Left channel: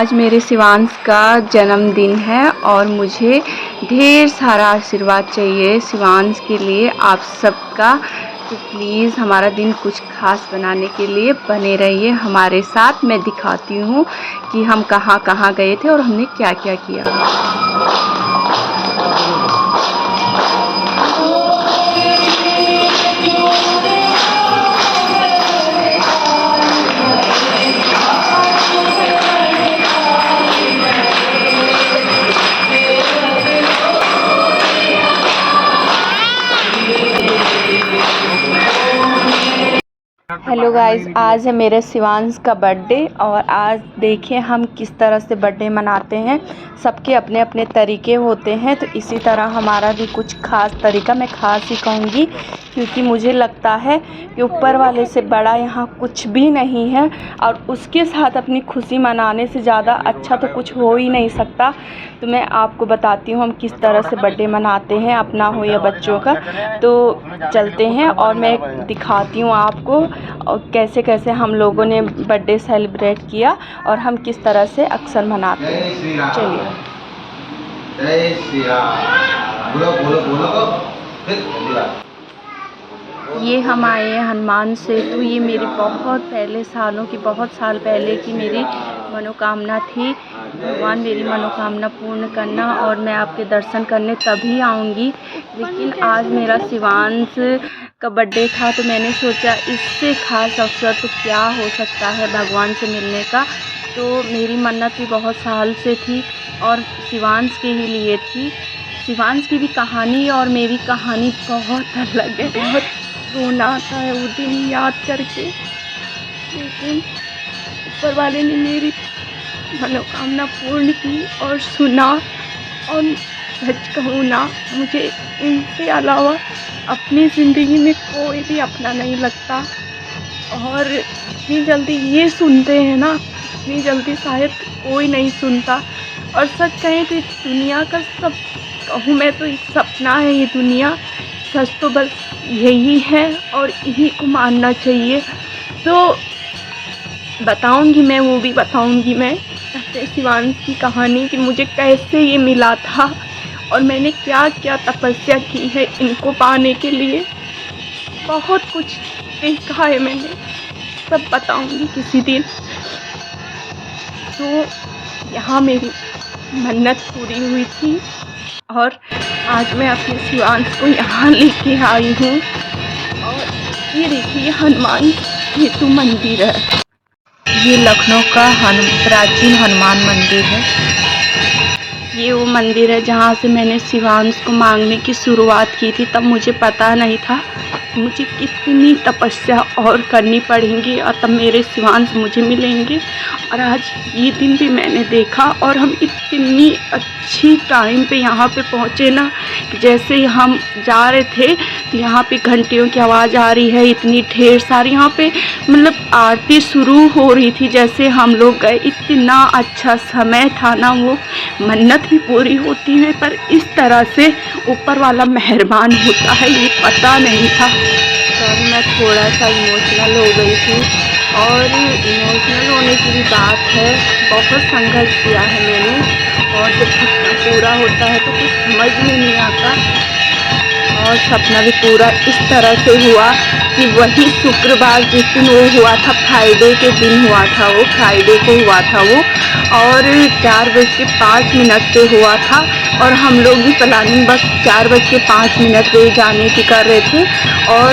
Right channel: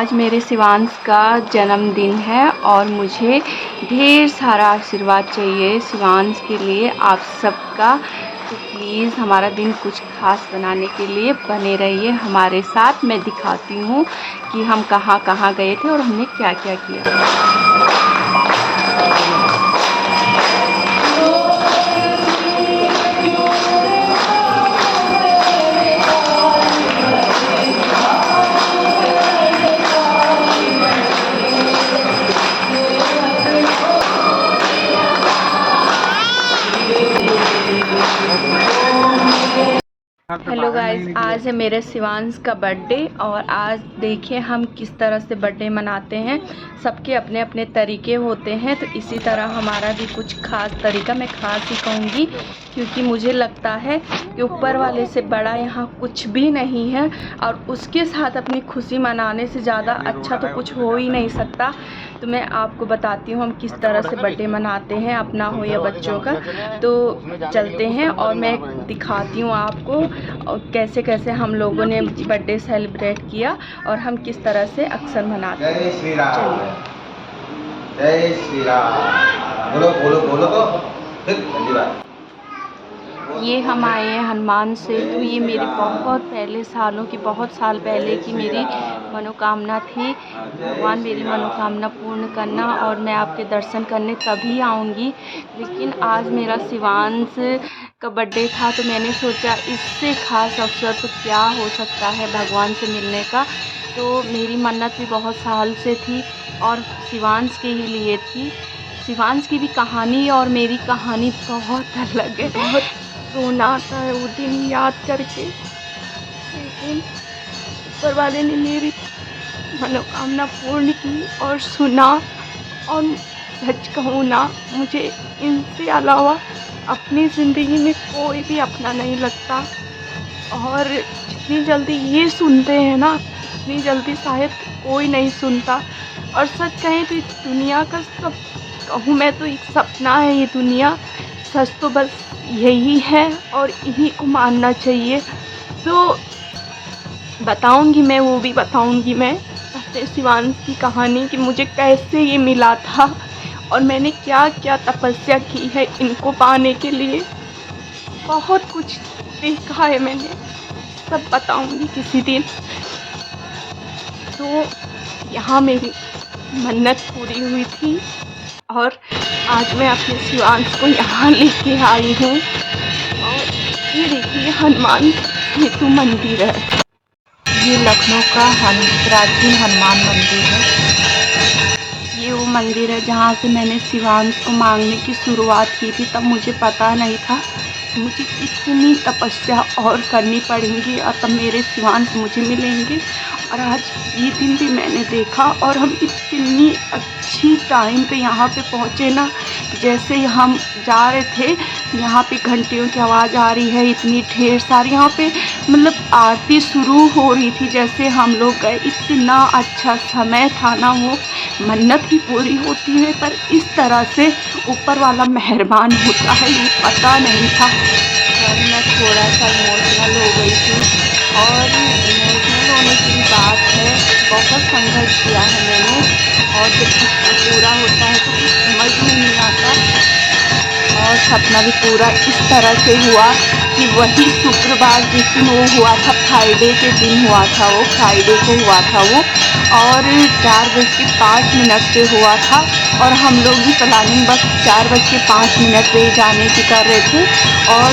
आज मेरे शिवांश का जन्मदिन है और मुझे ढेर सारा आशीर्वाद चाहिए शिवांश के लिए आप सबका। तो प्लीज़ हमारा दिन कुछ खास बनाने के लिए बने रहिए हमारे साथ। मैं दिखाती हूँ कि हम कहाँ कहाँ गए थे और हमने क्या क्या किया। हेलो गाइस, आज है मेरे शिवांश का बर्थडे और आज देखिए हम किस तरह से बर्थडे मनाते हैं। सबके अपने अपने तरीके होते हैं, तो इसी तरह हमारा भी कुछ ख़ास तरीका, मैं ख़ास ही कहूँगी क्योंकि मुझे लगता है कि ऊपर वाले से बड़ा यहाँ कुछ भी नहीं है और उसके साथ अपनी खुशी मनाने से ज़्यादा अच्छा तो कुछ हो ही नहीं सकता। तो मैं आपको बताती हूँ हम किस तरह से बर्थडे मनाते हैं, अपना हो या बच्चों का। तो चलते हैं और मैं दिखाती हूँ आपको और कैसे कैसे हम लोगों ने बर्थडे सेलिब्रेट किया और हम किस तरह से अक्सर मनाते हैं। चलिए। जय श्री राम। बोलो बोलो बोलो तो फिर जल्दी बात। ये हम आए हैं हनुमान सेतु। ये मेरी बहुत पहले सालों की, बहुत साल पहले की मेरी मनोकामना थी। भगवान मेरी मनोकामना पूर्ण करना और मैं आपके दर्शन करने तभी आऊँगी। लेकिन आज मेरा शिवांश का बर्थडे था तो मैंने सोचा इससे ख़ास अवसर तो क्या हो सकता है भगवान से मिलने का। तो मेरी मन्नत भी बहुत साल से थी और शिवांश के ही लिए थी। शिवांश की भी कहानी और मेरी कहानी बहुत अलग है। बहुत रोना आता है वो दिन याद करके, लेकिन ऊपर वाले ने मेरी मनोकामना पूर्ण की और सुना। और सच कहूँ ना, मुझे इनसे अलावा अपनी ज़िंदगी में कोई भी अपना नहीं लगता। और जितनी जल्दी ये सुनते हैं ना, इतनी जल्दी शायद कोई नहीं सुनता। और सच कहें तो इस दुनिया का सब कहूँ मैं तो एक सपना है ये दुनिया। सच तो बस यही है और इन्हीं को मानना चाहिए। तो बताऊंगी मैं, वो भी बताऊंगी मैं अपने शिवांश की कहानी कि मुझे कैसे ये मिला था और मैंने क्या क्या तपस्या की है इनको पाने के लिए। बहुत कुछ देखा है मैंने, सब बताऊंगी किसी दिन। तो यहाँ मेरी मन्नत पूरी हुई थी और आज मैं अपने शिवांश को यहाँ लेके आई हूँ। और ये देखिए हनुमान सेतु मंदिर है। ये लखनऊ का प्राचीन हनुमान मंदिर है। ये वो मंदिर है जहाँ से मैंने शिवांश को मांगने की शुरुआत की थी। तब मुझे पता नहीं था मुझे कितनी तपस्या और करनी पड़ेंगी और तब मेरे शिवांश मुझे मिलेंगे। और आज ये दिन भी मैंने देखा और हम इतनी अच्छी टाइम पे यहाँ पे पहुँचे ना, जैसे हम जा रहे थे तो यहाँ पे घंटियों की आवाज़ आ रही है इतनी ढेर सारी। यहाँ पे मतलब आरती शुरू हो रही थी जैसे हम लोग गए। इतना अच्छा समय था ना, वो मन्नत भी पूरी होती है पर इस तरह से ऊपर वाला मेहरबान होता है ये पता नहीं था। तब मैं थोड़ा सा इमोशनल हो गई थी और इमोशनल होने की भी बात है। बहुत संघर्ष किया है मैंने और जब सपना पूरा होता है तो कुछ समझ में नहीं आता। और सपना भी पूरा इस तरह से हुआ कि वही शुक्रवार जिस दिन वो हुआ था, फ्राइडे के दिन हुआ था, वो फ्राइडे को हुआ था वो। और 4:05 पे हुआ था और हम लोग भी प्लानिंग बस 4:05 पे जाने की कर रहे थे। और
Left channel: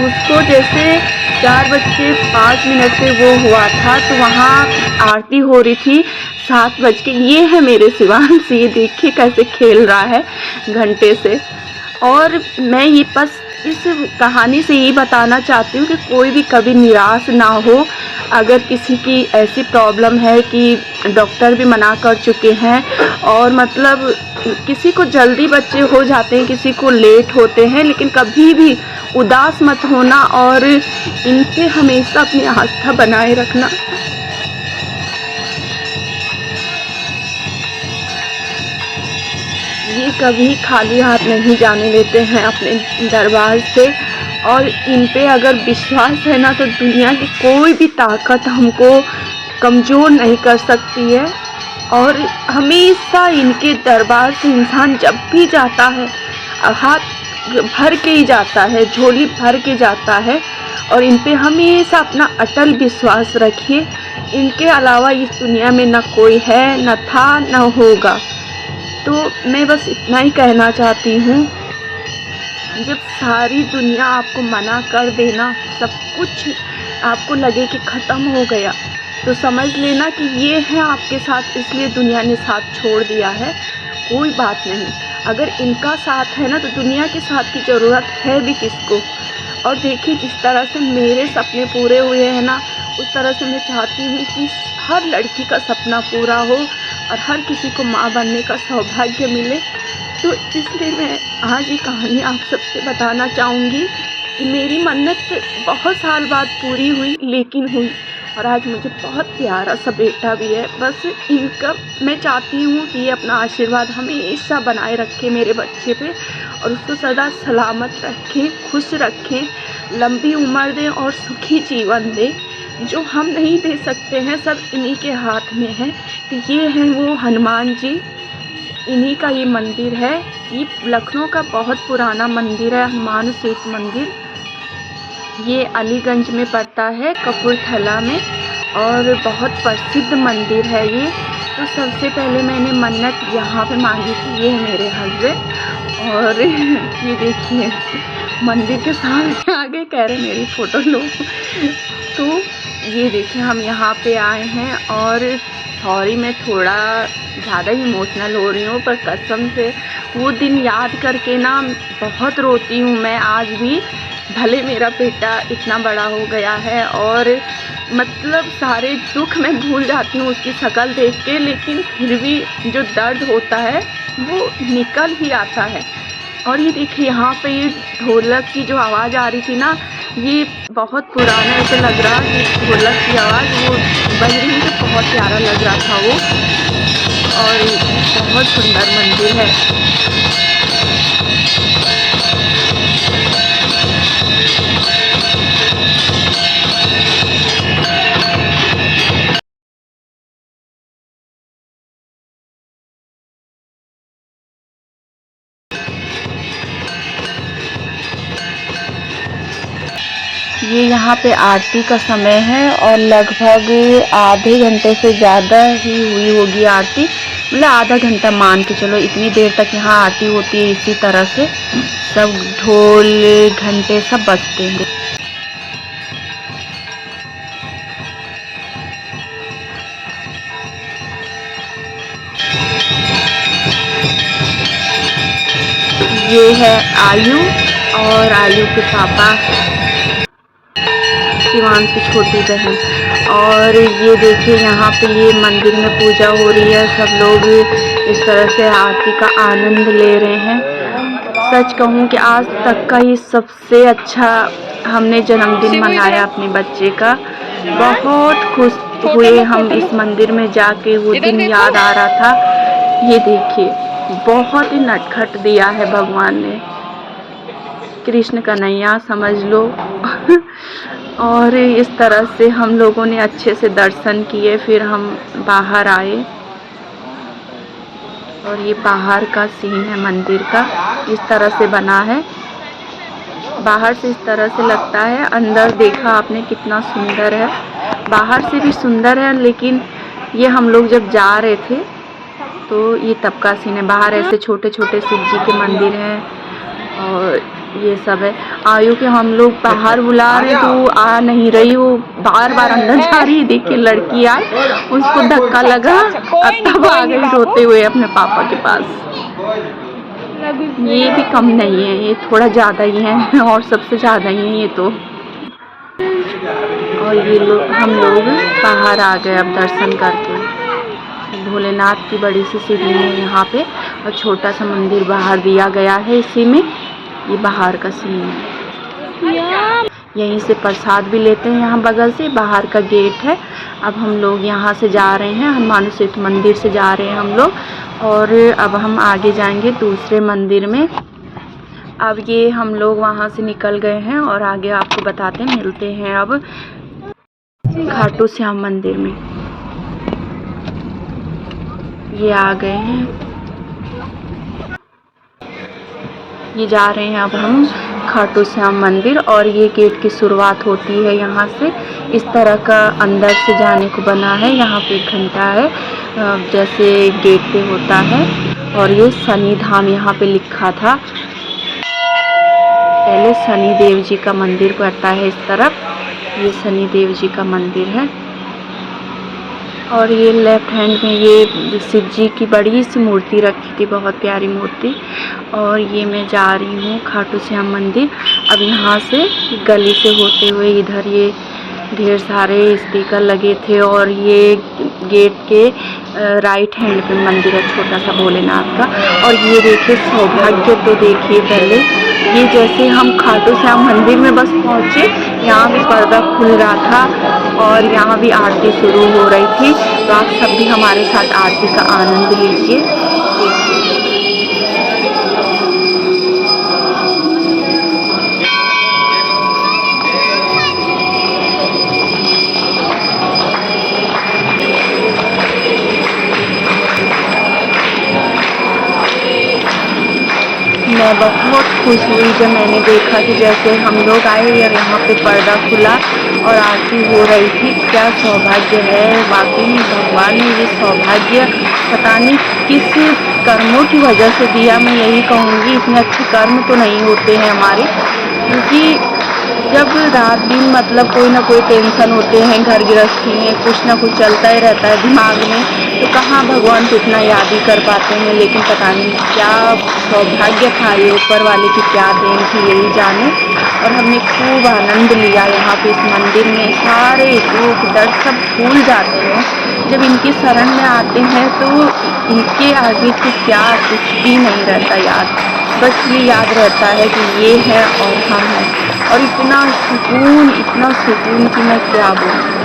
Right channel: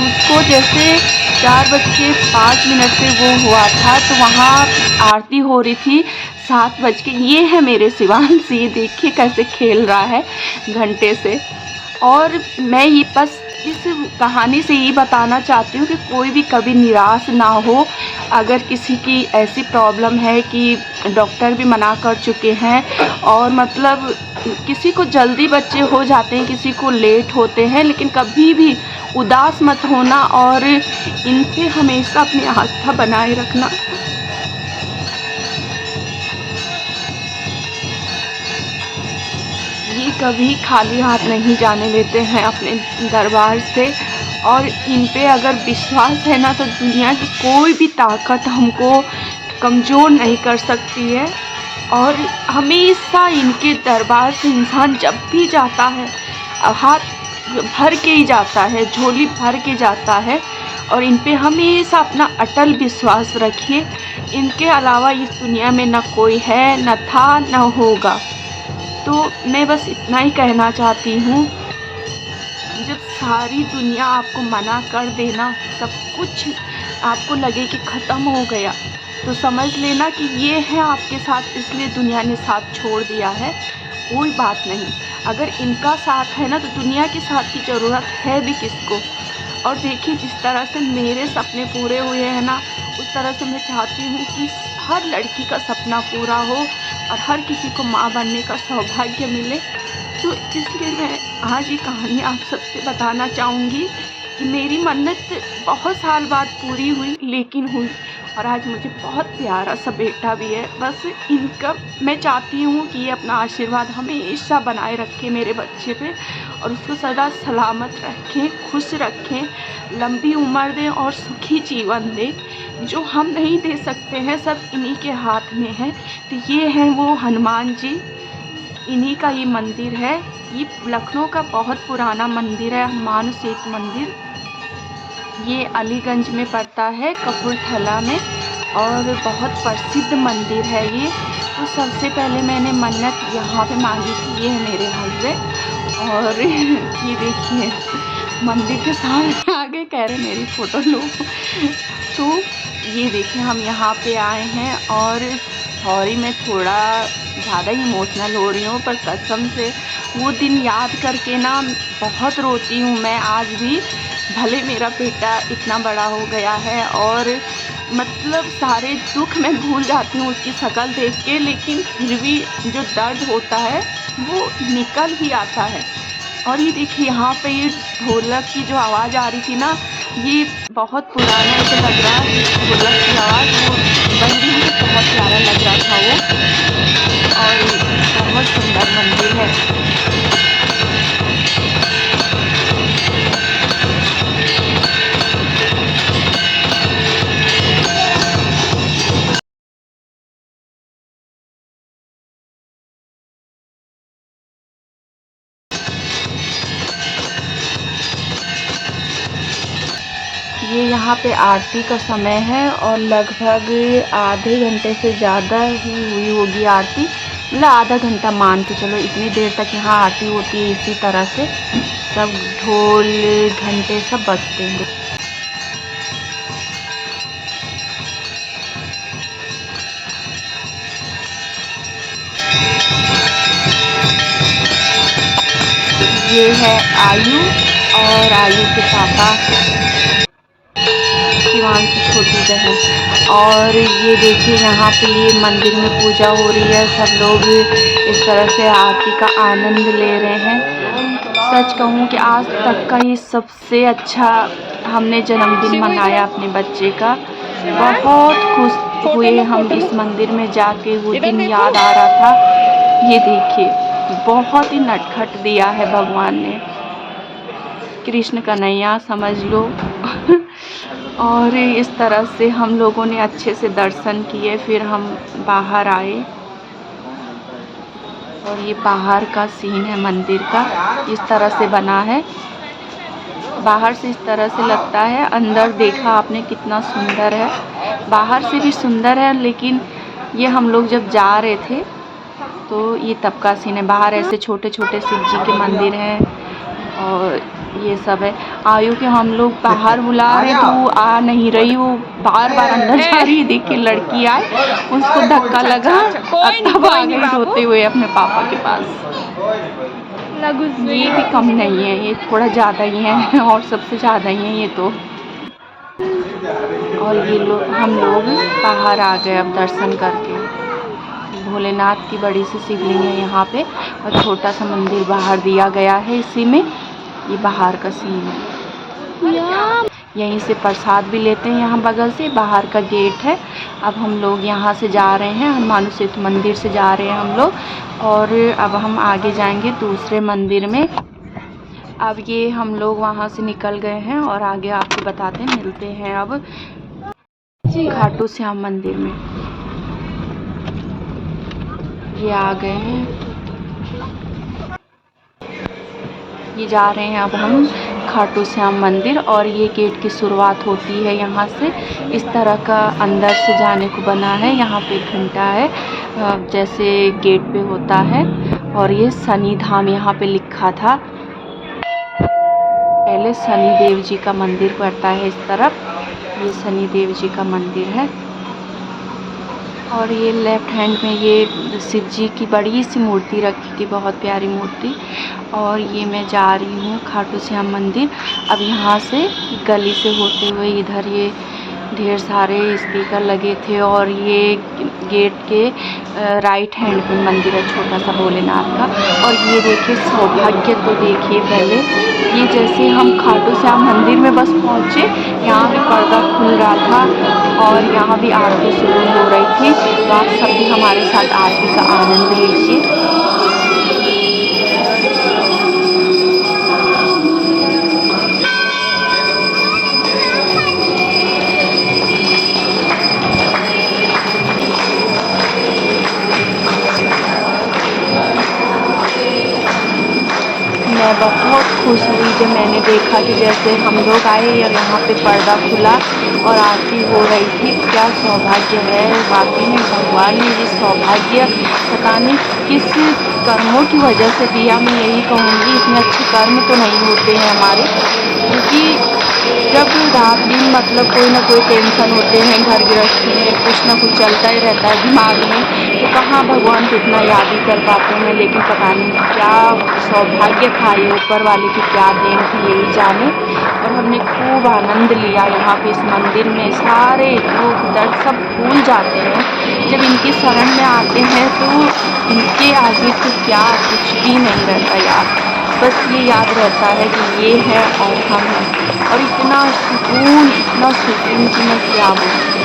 उसको जैसे 4:05 पे वो हुआ था तो वहाँ आरती हो रही थी 7 बज के। ये है मेरे शिवांश, ये देखिए कैसे खेल रहा है घंटे से। और मैं ये बस इस कहानी से यही बताना चाहती हूँ कि कोई भी कभी निराश ना हो। अगर किसी की ऐसी प्रॉब्लम है कि डॉक्टर भी मना कर चुके हैं और मतलब किसी को जल्दी बच्चे हो जाते हैं, किसी को लेट होते हैं, लेकिन कभी भी उदास मत होना और इन पे हमेशा अपनी आस्था बनाए रखना। ये कभी खाली हाथ नहीं जाने देते हैं अपने दरबार से। और इन पे अगर विश्वास है ना तो दुनिया की कोई भी ताकत हमको कमज़ोर नहीं कर सकती है। और हमेशा इनके दरबार से इंसान जब भी जाता है हाथ भर के ही जाता है, झोली भर के जाता है। और इन पे हमेशा अपना अटल विश्वास रखिए। इनके अलावा इस दुनिया में न कोई है, न था, न होगा। तो मैं बस इतना ही कहना चाहती हूँ, जब सारी दुनिया आपको मना कर देना, सब कुछ आपको लगे कि ख़त्म हो गया, तो समझ लेना कि ये है आपके साथ, इसलिए दुनिया ने साथ छोड़ दिया है। कोई बात नहीं, अगर इनका साथ है ना तो दुनिया के साथ की ज़रूरत है भी किसको। और देखिए जिस तरह से मेरे सपने पूरे हुए हैं ना, उस तरह से मैं चाहती हूँ कि हर लड़की का सपना पूरा हो और हर किसी को माँ बनने का सौभाग्य मिले। तो इसलिए मैं आज ये कहानी आप सबसे बताना चाहूँगी कि मेरी मन्नत बहुत साल बाद पूरी हुई, लेकिन हुई। और आज मुझे बहुत प्यारा सा बेटा भी है। बस इनका मैं चाहती हूँ कि ये अपना आशीर्वाद हमेशा बनाए रखे मेरे बच्चे पे, और उसको सदा सलामत रखें, खुश रखें, लंबी उम्र दें और सुखी जीवन दें। जो हम नहीं दे सकते हैं सब इन्हीं के हाथ में है। तो ये हैं वो हनुमान जी, इन्हीं का ये मंदिर है। ये लखनऊ का बहुत पुराना मंदिर है, हनुमान सेतु मंदिर। ये अलीगंज में पड़ता है, कपूरथला में, और बहुत प्रसिद्ध मंदिर है ये। तो सबसे पहले मैंने मन्नत यहाँ पे मांगी थी। ये है मेरे हस्बैंड, और ये देखिए मंदिर के सामने आगे कह रहे मेरी फ़ोटो लो। तो ये देखिए हम यहाँ पे आए हैं, और सॉरी मैं थोड़ा ज़्यादा ही इमोशनल हो रही हूँ, पर कसम से वो दिन याद करके ना बहुत रोती हूँ मैं आज भी। भले मेरा बेटा इतना बड़ा हो गया है और मतलब सारे दुख मैं भूल जाती हूँ उसकी शक्ल देख के, लेकिन फिर भी जो दर्द होता है वो निकल ही आता है। और ये देखिए यहाँ पे ये ढोलक की जो आवाज़ आ रही थी ना, ये बहुत पुराना ऐसा लग रहा है कि ढोलक की आवाज़ वो बज रही, मुझे बहुत प्यारा लग रहा था वो। और बहुत सुंदर मंदिर है। ये यहाँ पे आरती का समय है, और लगभग आधे घंटे से ज़्यादा ही हुई होगी आरती। मतलब आधा घंटा मान के चलो, इतनी देर तक यहाँ आरती होती है। इसी तरह से सब ढोल घंटे सब बजते हैं। ये है आयु, और आयु के पापा शिवान की छोटी बहन। और ये देखिए यहाँ पे ये मंदिर में पूजा हो रही है, सब लोग इस तरह से आरती का आनंद ले रहे हैं। सच कहूँ कि आज तक का ये सबसे अच्छा हमने जन्मदिन मनाया अपने बच्चे का। बहुत खुश हुए हम इस मंदिर में जाके, वो दिन याद आ रहा था। ये देखिए बहुत ही नटखट दिया है भगवान ने, कृष्ण कन्हैया समझ लो। और इस तरह से हम लोगों ने अच्छे से दर्शन किए, फिर हम बाहर आए। और ये बाहर का सीन है मंदिर का, इस तरह से बना है। बाहर से इस तरह से लगता है, अंदर देखा आपने कितना सुंदर है। बाहर से भी सुंदर है, लेकिन ये हम लोग जब जा रहे थे तो ये तब का सीन है। बाहर ऐसे छोटे छोटे शिव जी के मंदिर हैं, और ये सब है। आयु के हम लोग बाहर बुला रहे तो वो आ नहीं रही, वो बार बार अंदर जा रही है। देखिए लड़की आई, उसको धक्का लगा और तब आ गई रोते हुए अपने पापा के पास। ये भी कम नहीं है, ये थोड़ा ज़्यादा ही है, और सबसे ज़्यादा ही है ये तो। और ये लोग हम लोग बाहर आ गए अब दर्शन करके। भोलेनाथ की बड़ी सी शिवलिंग है यहाँ पे, और छोटा सा मंदिर बाहर दिया गया है इसी में। ये बाहर का सीन है। यहीं से प्रसाद भी लेते हैं, यहाँ बगल से बाहर का गेट है। अब हम लोग यहाँ से जा रहे हैं, हनुमान सेतु मंदिर से जा रहे हैं हम लोग, और अब हम आगे जाएंगे दूसरे मंदिर में। अब ये हम लोग वहाँ से निकल गए हैं, और आगे आपको बताते हैं, मिलते हैं अब खाटू श्याम मंदिर में। ये आ गए हैं, ये जा रहे हैं अब हम खाटू श्याम मंदिर। और ये गेट की शुरुआत होती है यहाँ से, इस तरह का अंदर से जाने को बना है। यहाँ पे एक घंटा है जैसे गेट पे होता है। और ये शनि धाम यहाँ पे लिखा था, पहले शनि देव जी का मंदिर पड़ता है इस तरफ। ये शनि देव जी का मंदिर है। और ये लेफ्ट हैंड में ये शिव जी की बड़ी सी मूर्ति रखी थी, बहुत प्यारी मूर्ति। और ये मैं जा रही हूँ खाटू श्याम मंदिर। अब यहाँ से गली से होते हुए इधर ये ढेर सारे स्पीकर लगे थे। और ये गेट के राइट हैंड पे मंदिर है छोटा सा भोलेनाथ का। और ये देखिए सौभाग्य, तो देखिए पहले ये जैसे हम खाटू श्याम मंदिर में बस पहुँचे, यहाँ भी पर्दा खुल रहा था और यहाँ भी आरती शुरू हो रही थी। तो आप सब भी हमारे साथ आरती का आनंद लीजिए। मैं बहुत खुश हुई जब मैंने देखा कि जैसे हम लोग आए और यहाँ पे पर्दा खुला और आरती हो रही थी। क्या सौभाग्य है, वाकई में भगवान ने ये सौभाग्य पता नहीं किस कर्मों की वजह से दिया। मैं यही कहूँगी, इतने अच्छे कर्म तो नहीं होते हैं हमारे, क्योंकि जब रात दिन मतलब कोई ना कोई टेंशन होते हैं, घर गृहस्थी में कुछ ना कुछ चलता ही रहता है दिमाग में, तो कहाँ भगवान को इतना याद ही कर पाते हैं। लेकिन पता नहीं क्या सौभाग्य था, ये ऊपर वाले की क्या देन थी, यही जाने। और हमने खूब आनंद लिया यहाँ पे इस मंदिर में। सारे दुख दर्द सब भूल जाते हैं जब इनकी शरण में आते हैं, तो इनके आगे तो क्या कुछ भी नहीं रहता याद, बस ये याद रहता है कि ये है और हम हैं। और इतना सुकून कि मैं क्या बोलूँ।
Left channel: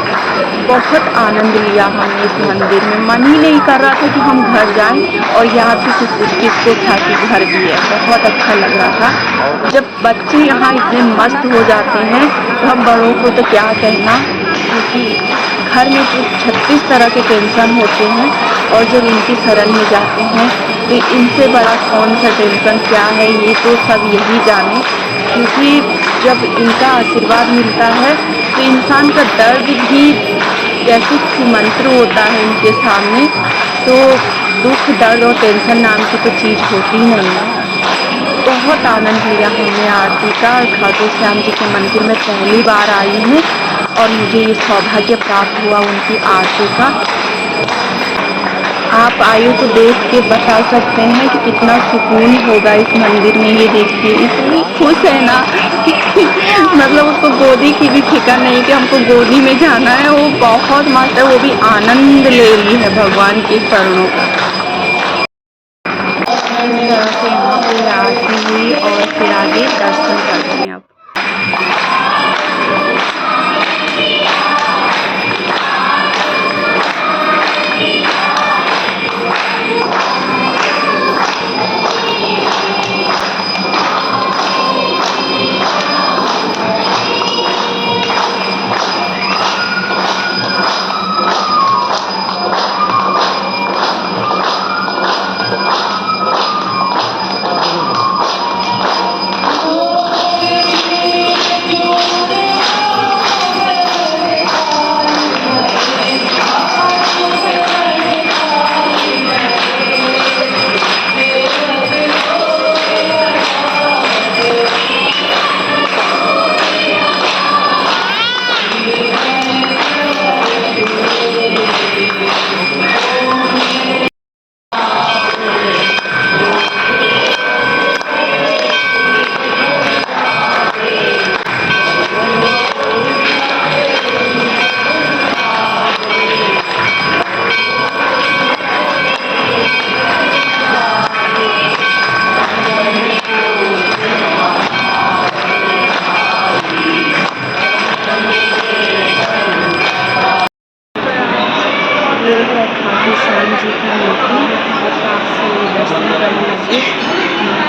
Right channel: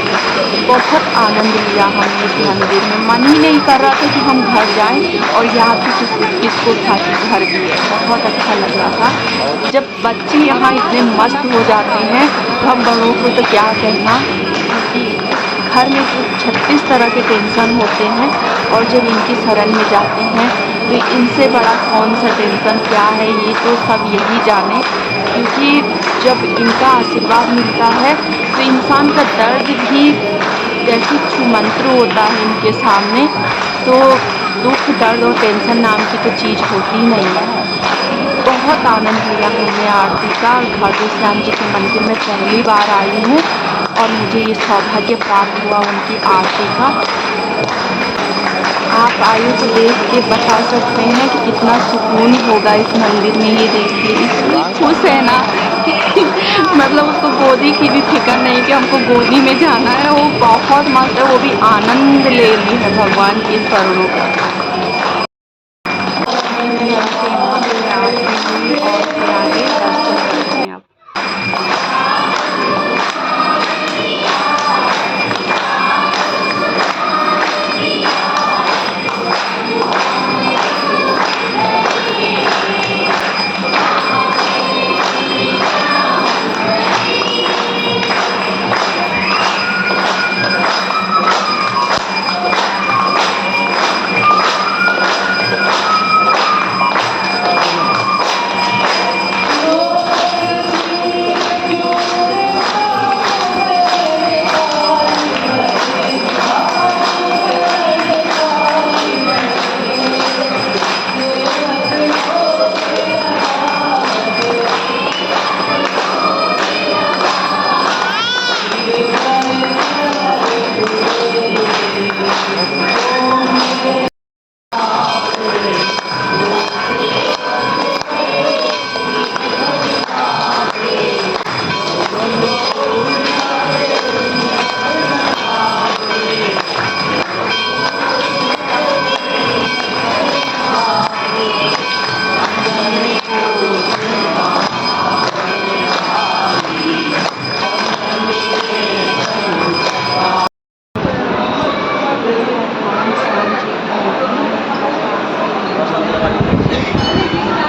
बहुत आनंद लिया हमने इस मंदिर में। मन ही नहीं कर रहा था कि हम घर जाएं, और याद भी किसको था कि घर भी है। बहुत अच्छा लग रहा था। जब बच्चे यहाँ इतने मस्त हो जाते हैं तो हम बड़ों को तो क्या कहना, क्योंकि घर में तो 36 तरह के टेंशन होते हैं, और जब इनकी शरण में जाते हैं तो इनसे बड़ा कौन सा टेंशन क्या है, ये तो सब यही जाने। क्योंकि जब इनका आशीर्वाद मिलता है तो इंसान का दर्द भी जैसे छूमंत्र होता है इनके सामने। तो दुख दर्द और टेंशन नाम की तो चीज़ होती ही नहीं है। बहुत आनंद लिया हमने आरती का। खाटू श्याम जी के मंदिर में पहली बार आई हूँ और मुझे ये सौभाग्य प्राप्त हुआ उनकी आरती का। आप आयु तो देख के बता सकते हैं कि कितना सुकून होगा इस मंदिर में। ये देखिए इतनी खुश है ना मतलब उसको गोदी की भी फिक्र नहीं कि हमको गोदी में जाना है। वो बहुत मस्त है, वो भी आनंद ले ली है भगवान के चरणों का। इस तरह से यहाँ पे आरती हुई और फिर आगे दर्शन करते हैं। अब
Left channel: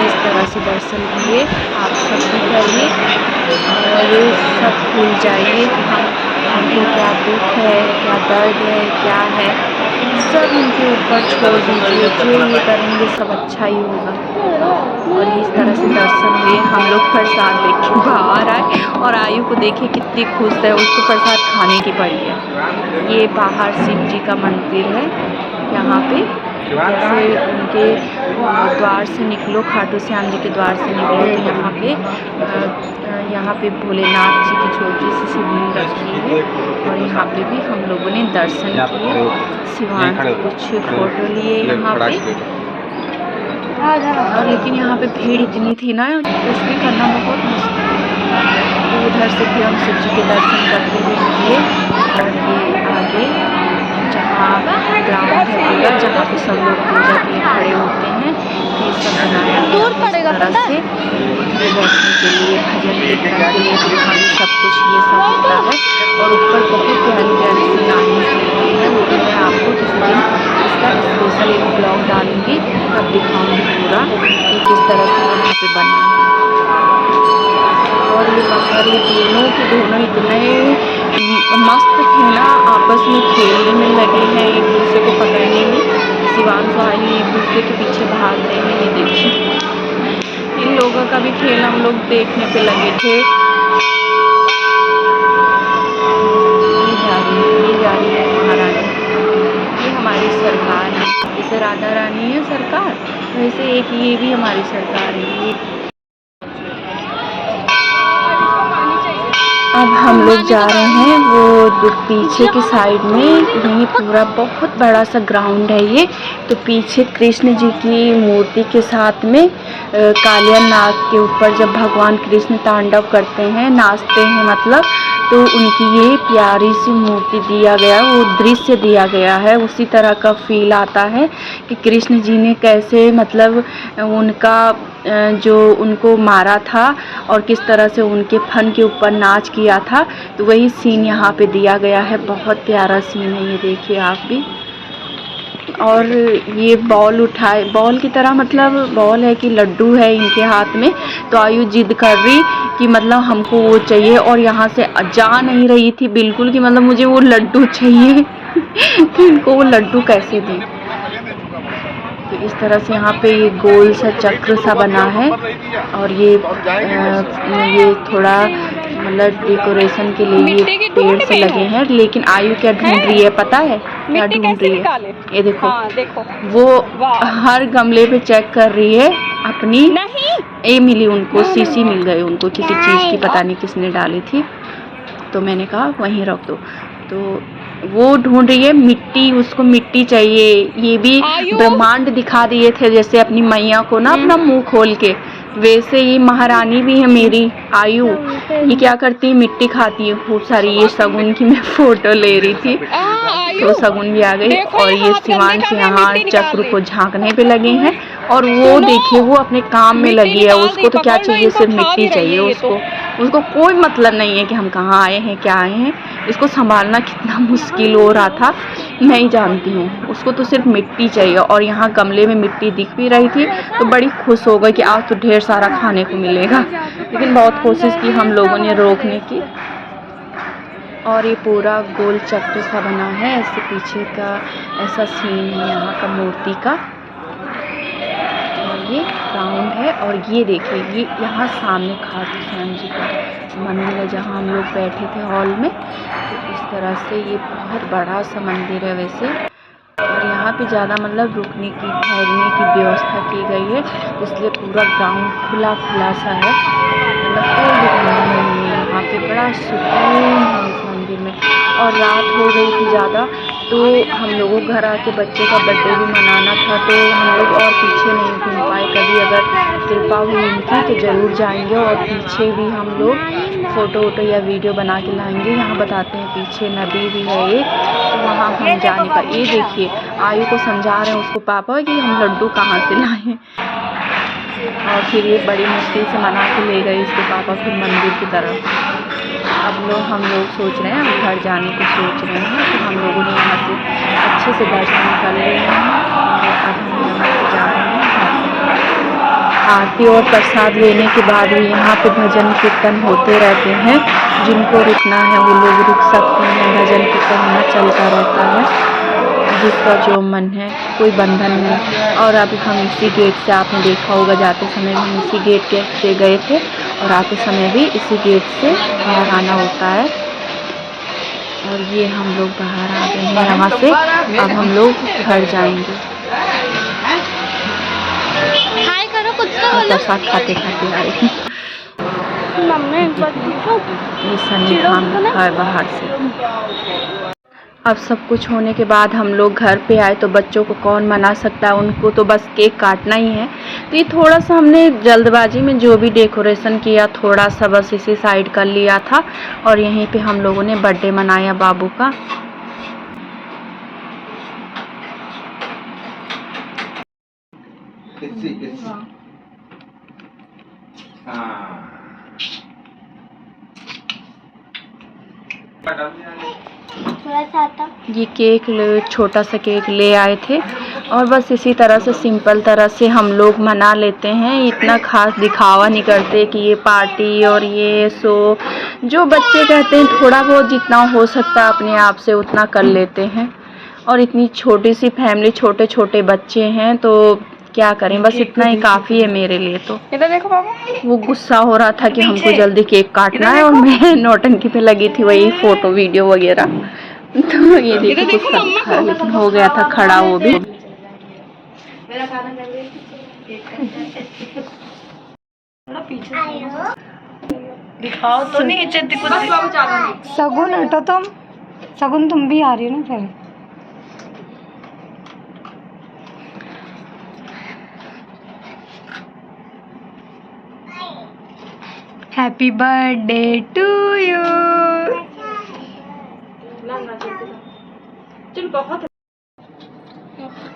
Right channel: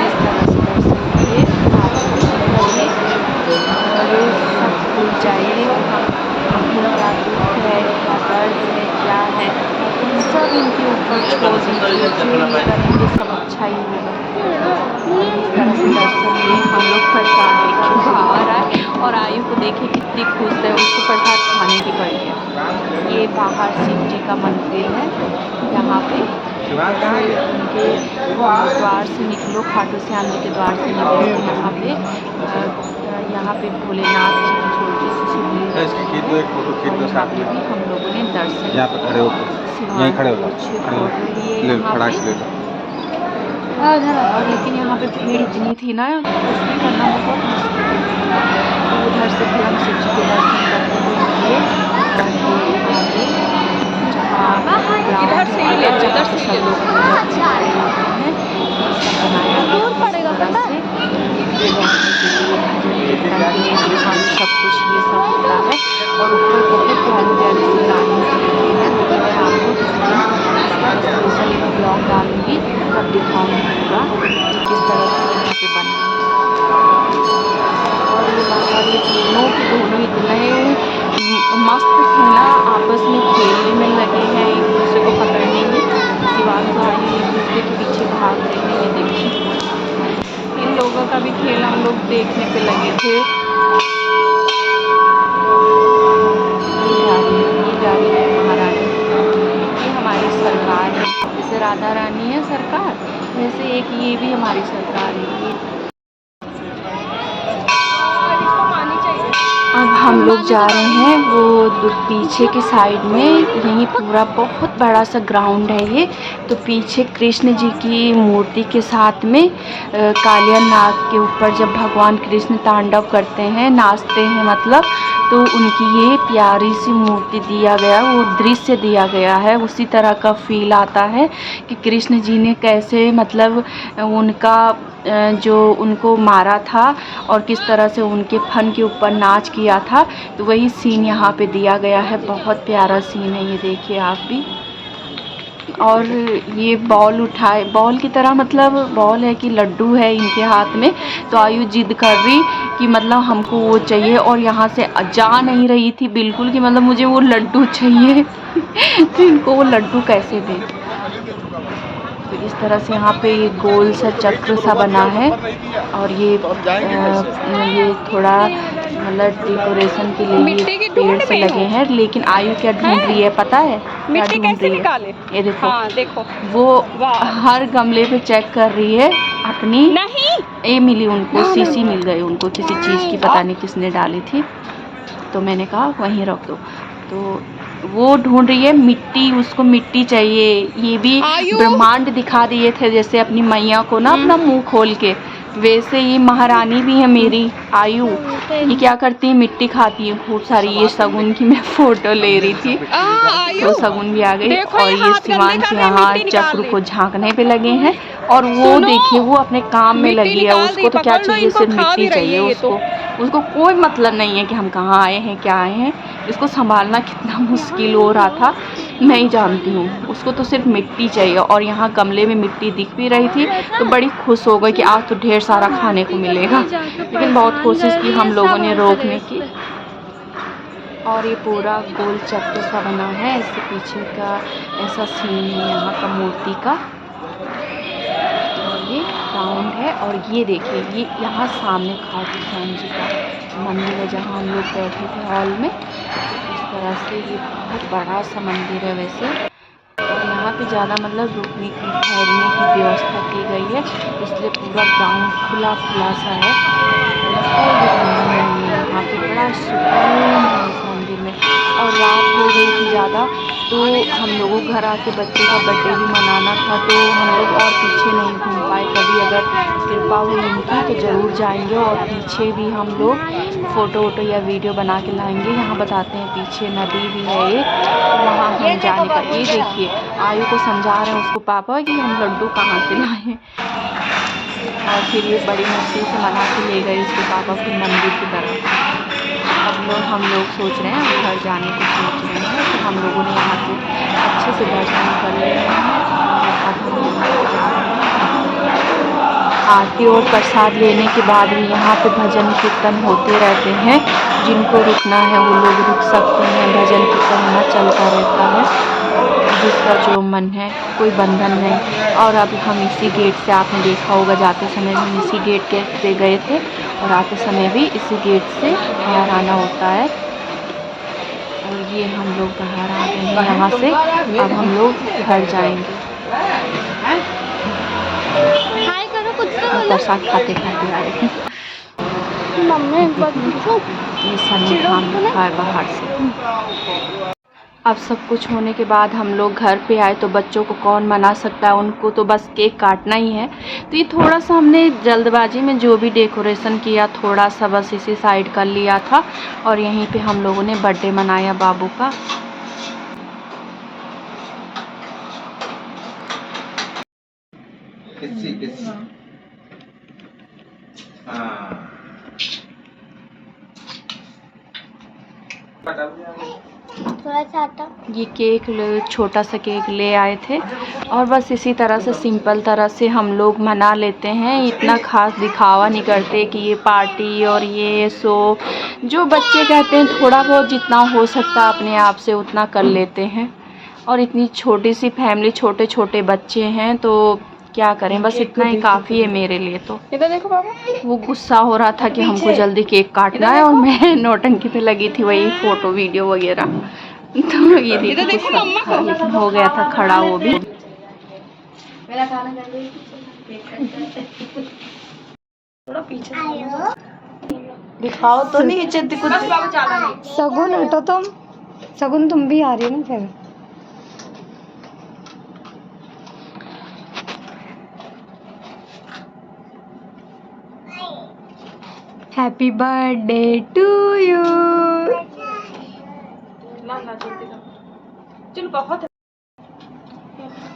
इस तरह से दर्शन किए आप सब भी करिए और सब भूल जाइए। हमको क्या दुख है, क्या दर्द है क्या है सब इनके ऊपर छोड़ दीजिए, जो ये करेंगे सब अच्छा ही होगा। और इस तरह से दर्शन लिए हम लोग प्रसाद देख के बाहर आए और आयु को देखे कितनी खुश है, उसको प्रसाद खाने की पड़ी है। ये बाहर शिव जी का मंदिर है, यहाँ पे जैसे उनके द्वार से निकलो, खाटू श्याम जी के द्वार से निकलो तो यहाँ पे भोलेनाथ जी की छोटी सी शिवलिंग रखी है और यहाँ पे भी हम लोगों ने दर्शन किए, शिवांश कुछ फोटो लिए यहाँ पे। और लेकिन यहाँ पे भीड़ इतनी थी ना, कुछ भी करना बहुत मुश्किल है। तो उधर से फिर हम शिव जी के दर्शन करते हुए किए और ये आगे जहाँ ग्राउंड है पूरा, जहाँ पे सब लोग पूजा के लिए खड़े होते हैं, ये सब बनाया गया है इस तरह से उठने बैठने के लिए, भजन कीर्तन के लिए, दुकान सब कुछ ये सब होता है। और ऊपर बहुत प्यारी प्यारी सी लाइन्स लगी है, वो भी मैं आपको किसी दिन इसका स्पेशल एक ब्लॉग डालूंगी, तब दिखाऊंगी पूरा कि किस तरह से यहाँ पे बना है। और ये बाहर ये दोनों के दोनों इतने मस्त थे ना, आपस में खेलने में लगे हैं, एक दूसरे को पकड़ने में। शिवांश आयु एक दूसरे के पीछे भाग रहे हैं, ये देखिए इन लोगों का भी खेल हम लोग देखने पे लगे थे। ये जा रही है महारानी, ये हमारी सरकार है। जैसे राधा रानी है सरकार, वैसे एक ये भी हमारी सरकार है। अब हम लोग जा रहे हैं वो पीछे की साइड में, यही पूरा बहुत बड़ा सा ग्राउंड है ये। तो पीछे कृष्ण जी की मूर्ति के साथ में कालिया नाग के ऊपर जब भगवान कृष्ण तांडव करते हैं, नाचते हैं मतलब, तो उनकी ये प्यारी सी मूर्ति दिया गया, वो दृश्य दिया गया है। उसी तरह का फील आता है कि कृष्ण जी ने कैसे मतलब उनका जो उनको मारा था और किस तरह से उनके फन के ऊपर नाच किया था, तो वही सीन यहाँ पे दिया गया है। बहुत प्यारा सीन है ये, देखिए आप भी। और ये बॉल उठाए, बॉल की तरह मतलब बॉल है कि लड्डू है इनके हाथ में। तो आयु जिद कर रही कि मतलब हमको वो चाहिए, और यहाँ से जा नहीं रही थी बिल्कुल कि मतलब मुझे वो लड्डू चाहिए तो इनको वो लड्डू कैसे दें। तो इस तरह से यहाँ पे ये गोल सा चक्र सा बना है और ये थोड़ा मतलब डेकोरेशन के लिए ये पेड़ से लगे हैं। लेकिन आयु क्या ढूंढ रही है पता है, क्या ढूंढ रही है? ये देखो, देखो वो हर गमले पे चेक कर रही है अपनी। नहीं, ये मिली उनको, सीसी मिल गई उनको किसी चीज़ की, पता नहीं किसने डाली थी। तो मैंने कहा वहीं रख दो। तो वो ढूंढ रही है मिट्टी, उसको मिट्टी चाहिए। ये भी ब्रह्मांड दिखा दिए थे जैसे अपनी मैया को ना अपना मुंह खोल के, वैसे ये महारानी भी है मेरी आयु। ये क्या करती है, मिट्टी खाती है खूब सारी। ये शगुन की मैं फोटो ले रही थी तो शगुन भी आ गई। और ये शिवांश यहाँ चक्र को झांकने पे लगे हैं और वो देखिए वो अपने काम में लगी है। उसको तो क्या चाहिए, सिर्फ मिट्टी चाहिए उसको कोई मतलब नहीं है कि हम कहाँ आए हैं क्या आए हैं। इसको संभालना कितना मुश्किल हो रहा था मैं ही जानती हूँ। उसको तो सिर्फ मिट्टी चाहिए। और यहाँ गमले में मिट्टी दिख भी रही थी तो बड़ी खुश हो गई कि आज तो ढेर सारा खाने को मिलेगा। लेकिन बहुत कोशिश की हम लोगों ने रोकने की। और ये पूरा गोल चक्र सा बना है, ऐसे पीछे का ऐसा सीन है यहाँ का मूर्ति का। और ये ग्राउंड है और ये देखिए ये यहाँ सामने खाटू श्याम जी का मंदिर है जहाँ हम लोग बैठे थे हॉल में। तो इस तरह से ये बहुत बड़ा सा मंदिर है वैसे। और यहाँ पे ज़्यादा मतलब रुकने की ठहरने की व्यवस्था की गई है, इसलिए पूरा ग्राउंड खुला खुला सा है, मतलब कोई भी बंधन नहीं है। यहाँ पे बड़ा सुकून है इस मंदिर में। और रात हो गई थी ज़्यादा, तो हम लोगों घर आके बच्चे का बर्थडे भी मनाना था, तो हम लोग और पीछे नहीं घूम पाए। कभी अगर कृपा हुई इनकी तो ज़रूर जाएंगे और पीछे भी हम लोग फ़ोटो वोटो या वीडियो बना के लाएंगे। यहाँ बताते हैं पीछे नदी भी है एक, तो वहाँ हम जाने का। ये देखिए आयु को समझा रहे हैं उसको पापा कि हम लड्डू कहाँ से लाएँ। और फिर ये बड़ी मुश्किल से मना के ले गए इसके पापा फिर मंदिर की तरफ। अब हम लोग सोच रहे हैं, हम घर जाने को सोच रहे हैं। तो हम लोगों ने यहाँ से अच्छे से दर्शन कर लिए हैं और अब हम यहाँ से जा रहे हैं। आरती और प्रसाद लेने के बाद भी यहाँ पे भजन कीर्तन होते रहते हैं। जिनको रुकना है वो लोग रुक सकते हैं। भजन कीर्तन यहाँ चलता रहता है, जिसका जो मन है, कोई बंधन नहीं। और अब हम इसी गेट से, आपने देखा होगा जाते समय भी हम इसी गेट के से गए थे और आते समय भी इसी गेट से बाहर आना होता है। और ये हम लोग बाहर आ गए हैं यहाँ से। अब हम लोग घर जाएंगे। हाय करो, कुछ तो और बोलो। प्रसाद खाते खाते आए। मम्मी एक बात पूछूं? ये सनी खान रखा है बाहर से। अब सब कुछ होने के बाद हम लोग घर पे आए तो बच्चों को कौन मना सकता है, उनको तो बस केक काटना ही है। तो ये थोड़ा सा हमने जल्दबाजी में जो भी डेकोरेशन किया थोड़ा सा बस इसी साइड कर लिया था और यहीं पे हम लोगों ने बर्थडे मनाया बाबू का। किसी हाँ ये केक छोटा सा केक ले आए थे और बस इसी तरह से सिंपल तरह से हम लोग मना लेते हैं। इतना खास दिखावा नहीं करते कि ये पार्टी और ये सो। जो बच्चे कहते हैं थोड़ा बहुत जितना हो सकता है अपने आप से उतना कर लेते हैं। और इतनी छोटी सी फैमिली, छोटे छोटे बच्चे हैं तो क्या करें, बस इतना ही काफ़ी है मेरे लिए। तो इधर देखो पापा। वो गुस्सा हो रहा था कि हमको जल्दी केक काटना है और मैं नौटंकी पे लगी थी, वही फ़ोटो वीडियो वगैरह। तो ये देखो गुस्सा दिखा रहा, लेकिन हो गया था खड़ा वो भी। दिखाओ तो नहीं चेती कुछ। सगुन हटो तुम, सगुन तुम भी आ रही हो ना फिर। Happy birthday to you.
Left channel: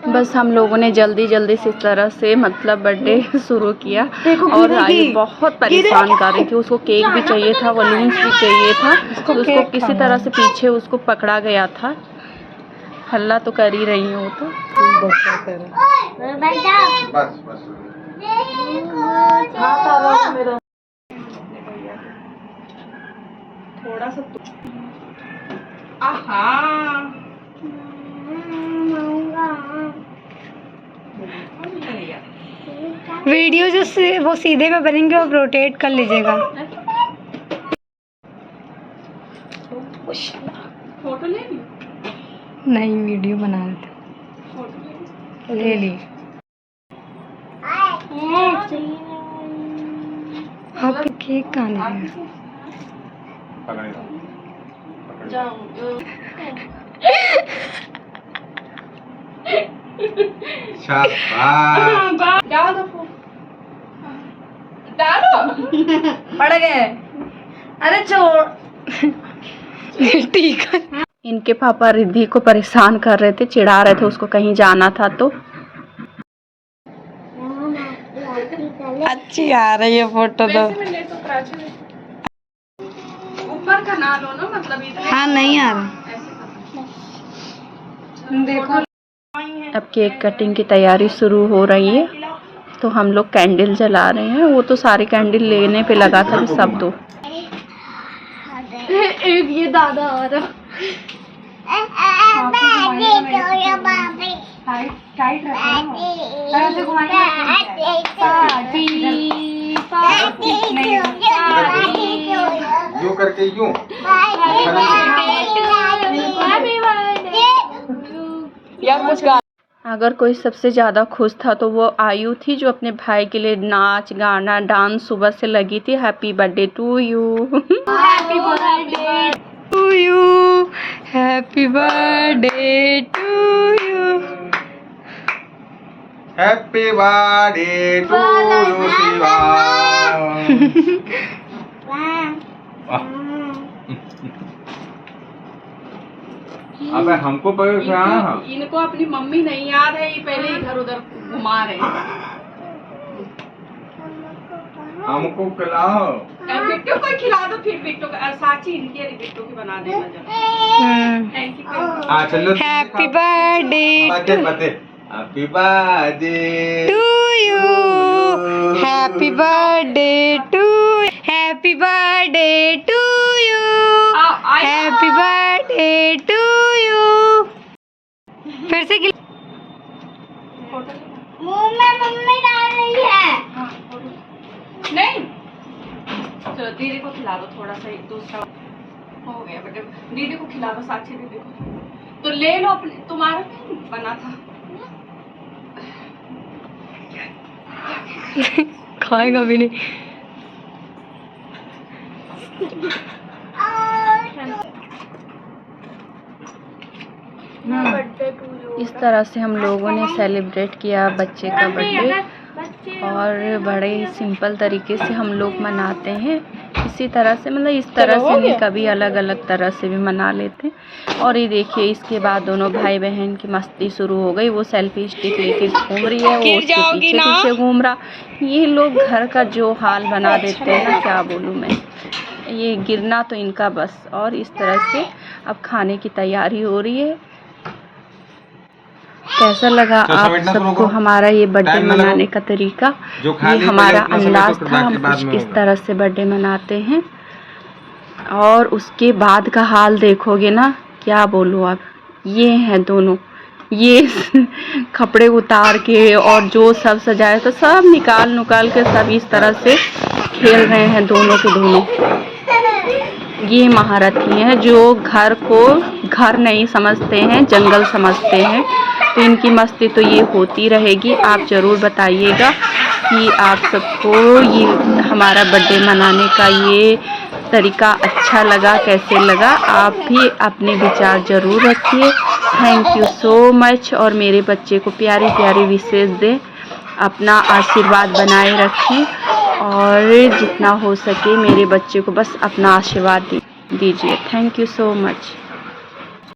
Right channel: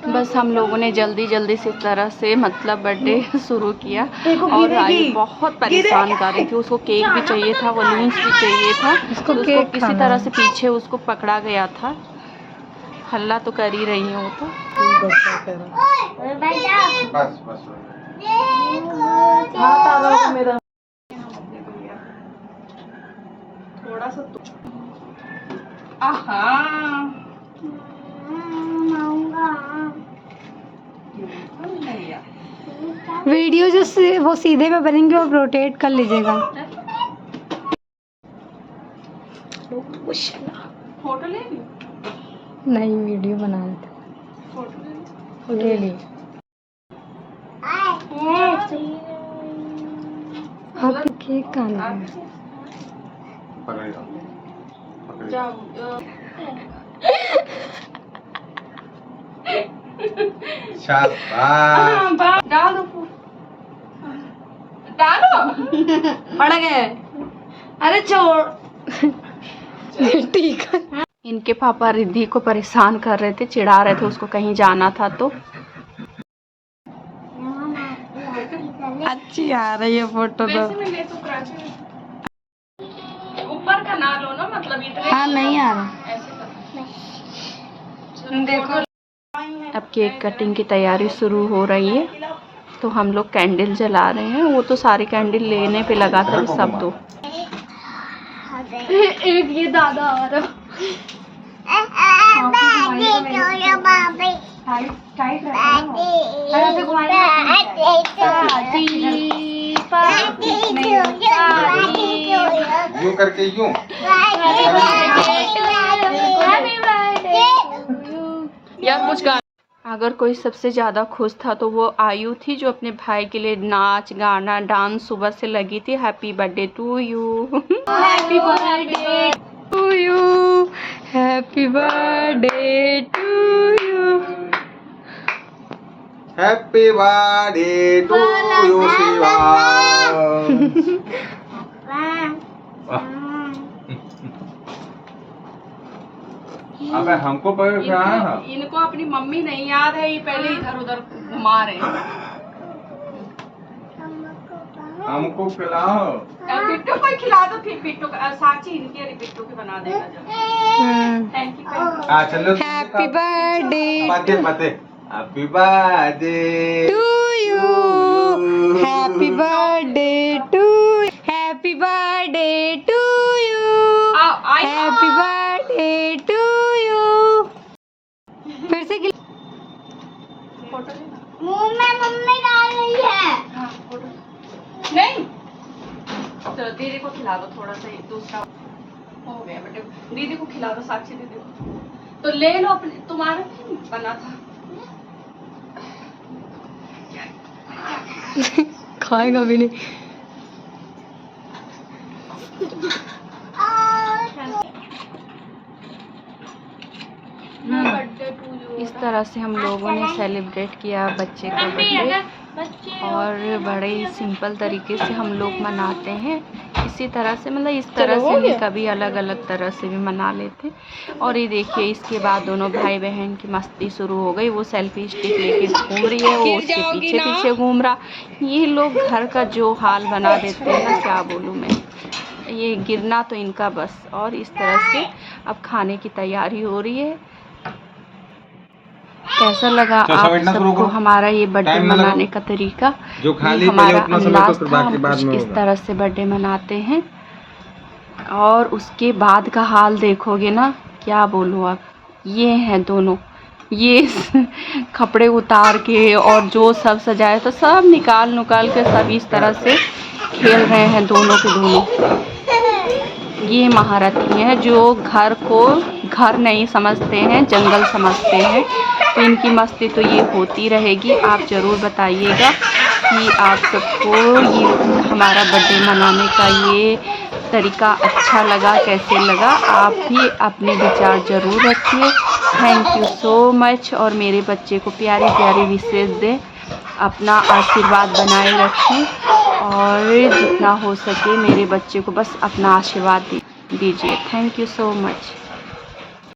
बस हम लोगों ने जल्दी जल्दी से इस तरह से मतलब बर्थडे शुरू किया। और आई बहुत परेशान कर रही थी, उसको केक भी चाहिए था, वॉल्यूम्स भी चाहिए था। तो उसको किसी तरह से पीछे उसको पकड़ा गया था। हल्ला तो कर ही रही है वो तो। बस बस मेरा थोड़ा सा वीडियो जो वो सीधे में बनेंगे वो रोटेट कर लीजिएगा। फोटो ले ली? नहीं, वीडियो बना रहे थे। ले ली। आप केक कहाँ ले गए? शाबाश। डालो पड़ गए। अरे छोड़। ठीक है। इनके पापा रिद्धि को परेशान कर रहे थे, चिढ़ा रहे थे, उसको कहीं जाना था तो। अच्छी आ रही है फोटो तो। ऊपर का ना लो ना, मतलब इधर। हाँ नहीं आ रहा। देखो अब केक कटिंग की तैयारी शुरू हो रही है तो हम लोग कैंडल जला रहे हैं। वो तो सारे कैंडल लेने पे लगा था कि सब दो। एक ये दादा आ रहा। टाइट यूं करके यूं। यार कुछ गा। अगर कोई सबसे ज़्यादा खुश था तो वो आयु थी, जो अपने भाई के लिए नाच गाना डांस सुबह से लगी थी। Happy birthday to you. Happy birthday to you. Happy birthday to you. Happy birthday to you Shiva. अबे हमको इनको अपनी मम्मी नहीं याद है, ये पहले इधर उधर घुमा रहे हैं। हमको खिलाओ। बिट्टू को खिला दो, फिर बिट्टू साची इनके बिट्टू की बना देना जब। Thank you. चलो हैप्पी बर्थडे पते happy birthday to you. Happy birthday to, happy birthday to you, happy birthday to you. फिर से मुंह में मम्मी डाल रही है। नहीं चलो दीदी को खिला दो थोड़ा सा, एक दूसरा हो गया बेटे, दीदी को खिला दो, साक्षी दीदी को तो ले लो अपने, तुम्हारा भी बना था। खाएगा भी नहीं। इस तरह से हम लोगों ने सेलिब्रेट किया बच्चे का बर्थडे, और बड़े ही सिंपल तरीके से हम लोग मनाते हैं। इसी तरह से मतलब इस तरह से नहीं, कभी अलग अलग तरह से भी मना लेते हैं। और ये देखिए इसके बाद दोनों भाई बहन की मस्ती शुरू हो गई। वो सेल्फी स्टिक लेके घूम रही है, वो उसके पीछे पीछे घूम रहा। ये लोग घर का जो हाल बना देते हैं ना, क्या बोलूँ मैं, ये गिरना तो इनका बस। और इस तरह से अब खाने की तैयारी हो रही है। कैसा लगा आप सबको हमारा ये बर्थडे मनाने का तरीका? ये हमारा अंदाज था, हम कुछ इस तरह से बर्थडे मनाते हैं। और उसके बाद का हाल देखोगे ना, क्या बोलूँ अब। ये हैं दोनों, ये कपड़े उतार के और जो सब सजाया तो सब निकाल के सब इस तरह से खेल रहे हैं दोनों के दोनों। ये महारथी हैं जो घर को घर नहीं समझते हैं, जंगल समझते हैं। तो इनकी मस्ती तो ये होती रहेगी। आप ज़रूर बताइएगा कि आप सबको ये हमारा बर्थडे मनाने का ये तरीका अच्छा लगा, कैसे लगा। आप भी अपने विचार ज़रूर रखिए। Thank you so much. और मेरे बच्चे को प्यारी प्यारी विशेष दें, अपना आशीर्वाद बनाए रखें, और जितना हो सके मेरे बच्चे को बस अपना आशीर्वाद दीजिए। Thank you so much.